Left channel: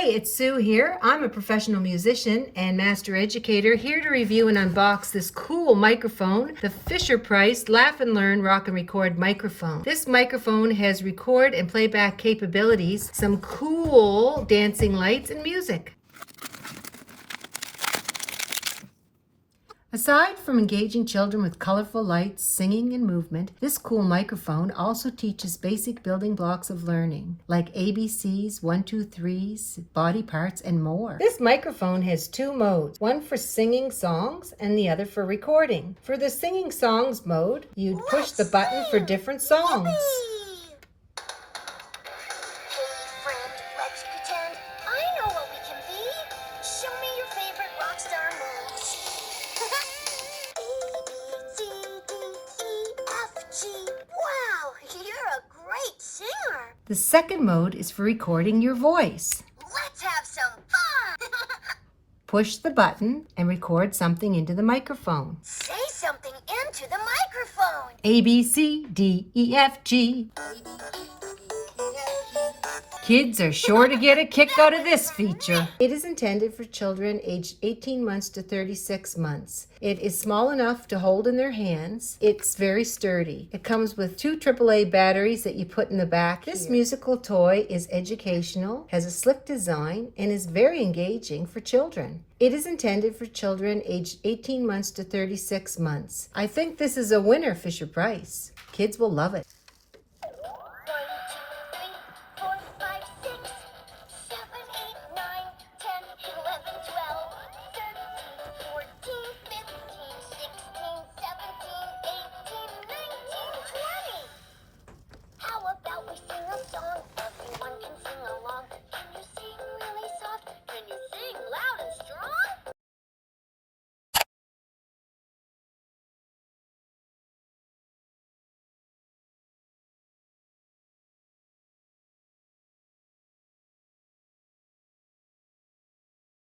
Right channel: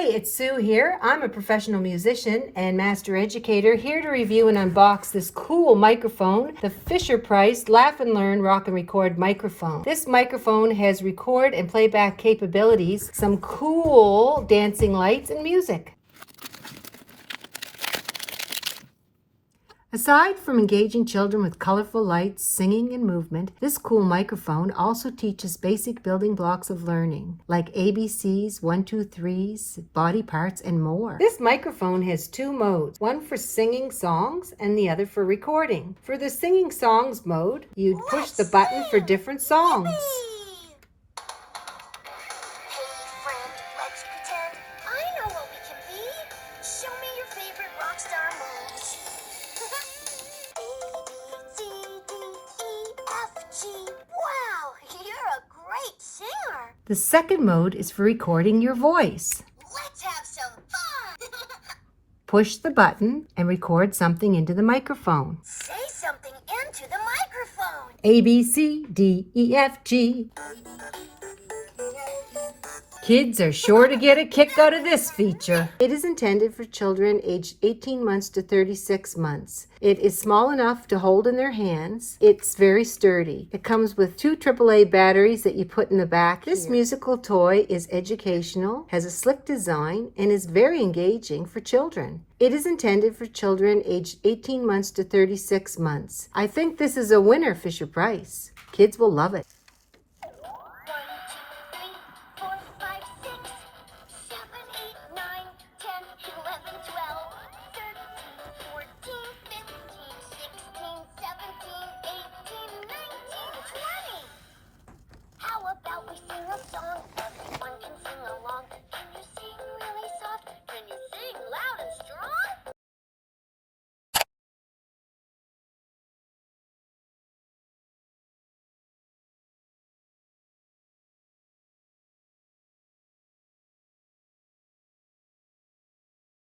Hey, it's Sue here. I'm a professional musician and master educator here to review and unbox this cool microphone, the Fisher-Price Laugh and Learn Rock and Record microphone. This microphone has record and playback capabilities, some cool dancing lights and music. Aside from engaging children with colorful lights, singing, and movement, this cool microphone also teaches basic building blocks of learning, like ABCs, 1, 2, 3s, body parts, and more. This microphone has two modes, one for singing songs and the other for recording. For the singing songs mode, you'd push the button for different songs. Wow, you're a great singer. The second mode is for recording your voice. Let's have some fun. Push the button and record something into the microphone. Say something into the microphone. A, B, C, D, E, F, G. Kids are sure to get a kick out of this feature. It is intended for children aged 18 months to 36 months. It is small enough to hold in their hands. It's very sturdy. It comes with 2 AAA batteries that you put in the back. This musical toy is educational, has a slick design, and is very engaging for children. It is intended for children aged 18 months to 36 months. I think this is a winner, Fisher-Price. Kids will love it.